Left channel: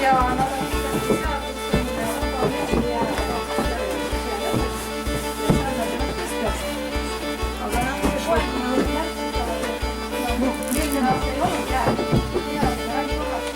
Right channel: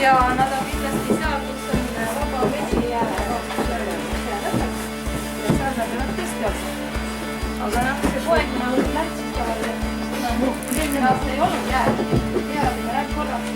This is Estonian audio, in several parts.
Ja nad on kindlasti seal, kus on vaba vesi ja seal nad on keskelt. Aga see poeg ma võin läksida. Eelmine aasta ei olnud jääd. Ja ma räägin korras.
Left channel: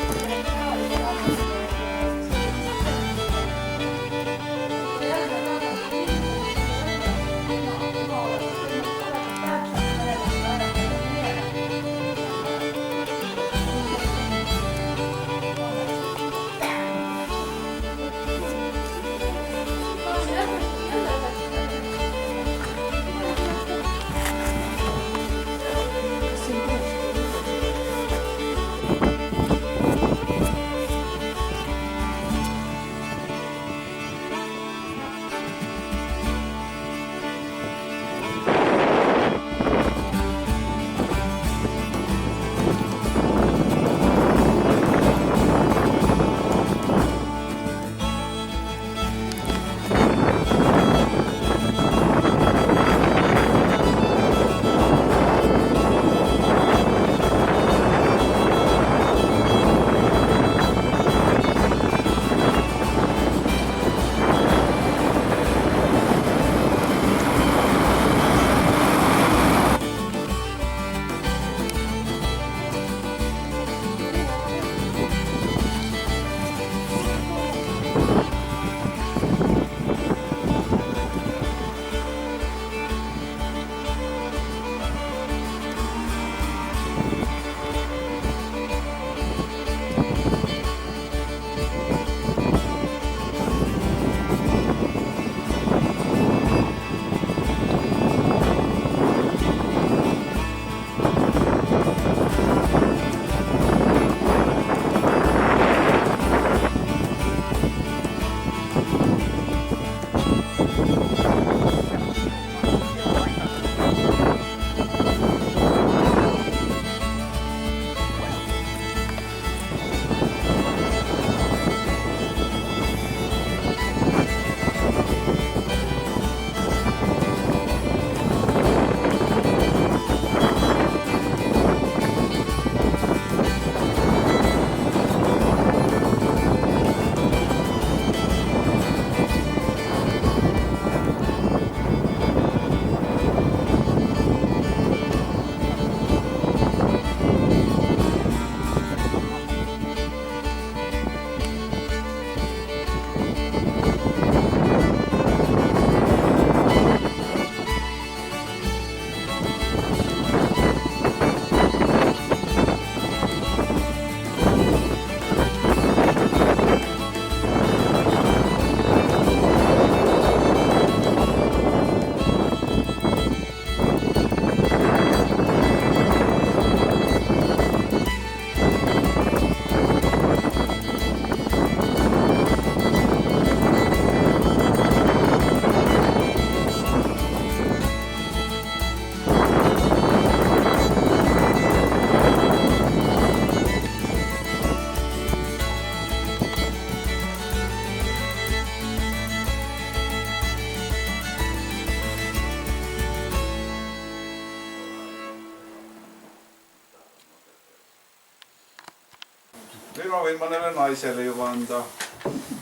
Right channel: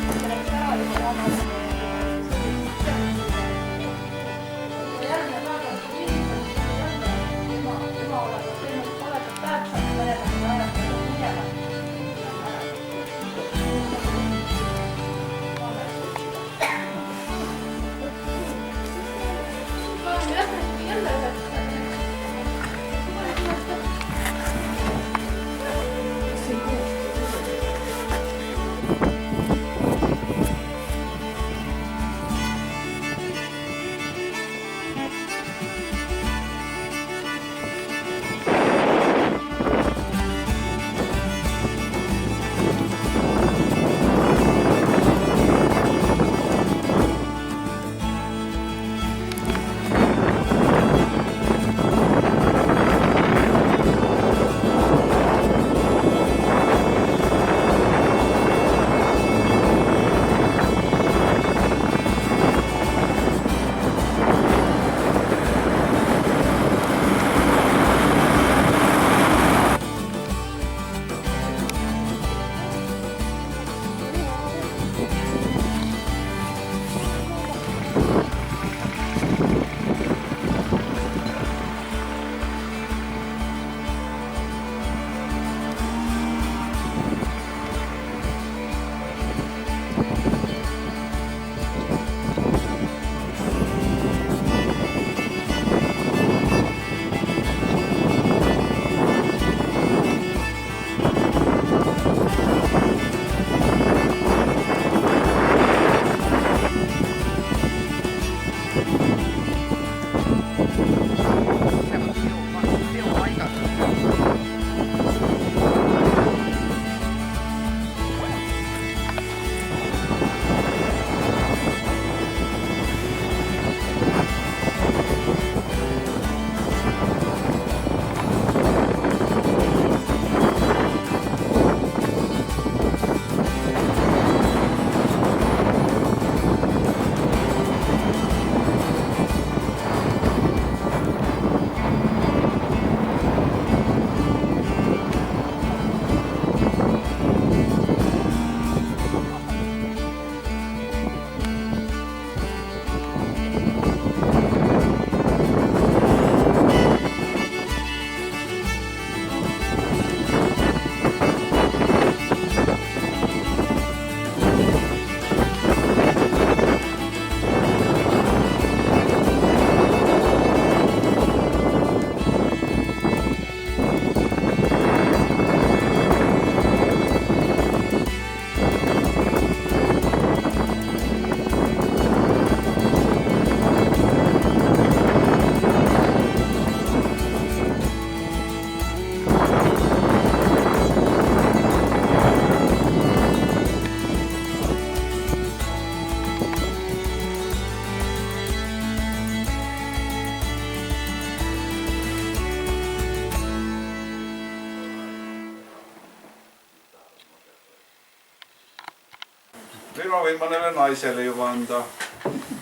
Nüüd ma võin mõnele naisele juba anda.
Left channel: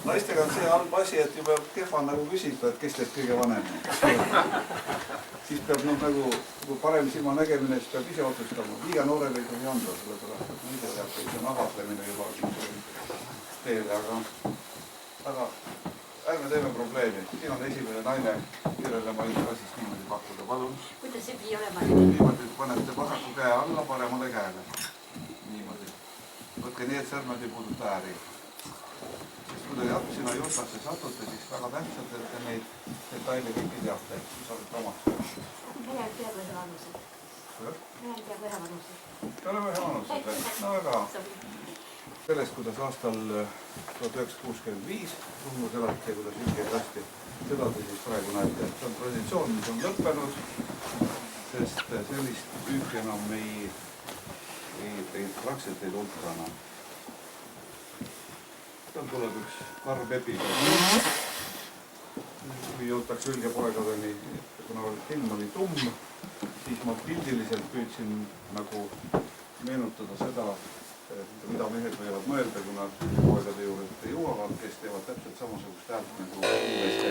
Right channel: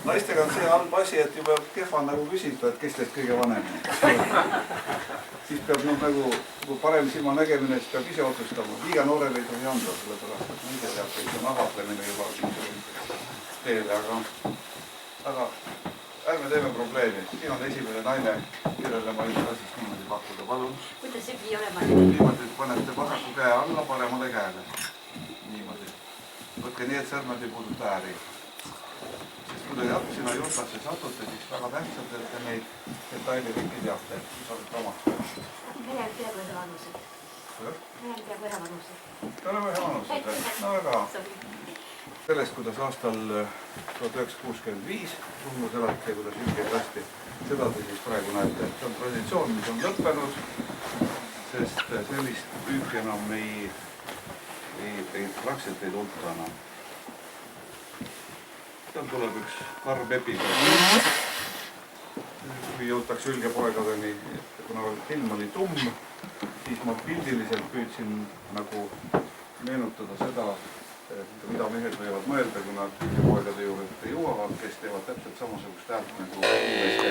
Naistega on see halb asi, et juba kehva nagu küsida, et kes teist kõige vanem on. Siis peab nagu parem silma nägemine, siis peab ise otsustama. Liiga noorele ei tohi anda, sellepärast, et ise teab, et see on ahvatlemine juba teele, aga ärme teeme probleemi. Siin on esimene naine, kellele ma võin ka siis niimoodi pakkuda. Palun. Kuidas see pidi olema? Niimoodi, et panete vasaku käe alla paremale käele. Niimoodi. Võtke nii, et sõrmed ei puuduta ääri. sinna Jutlasse satute, siis väga tähtsad, et te neid detaile kõiki teate, et saadate omaks. Venel teab ühe vanused. Venel teab ühe vanused. Te oleme ühe vanused või? No väga. Sellest, kuidas aastal 1965 Runnus elati ja kuidas ülgeid lasti, seda te siis praegu näete. See on traditsioon, mis on lõppenud, sest sellist püüki enam praktiliselt ei tulta enam. Seal tuleb üks karm episood. Kui jõutakse ülgepoegadeni, kuna film oli tumm, siis ma pildiliselt püüdsin nagu meenutada seda, mida mehed võivad mõelda, kui nad ülgepoegade juurde jõuavad, kes teevad täpselt samasugust häält nagu inimeste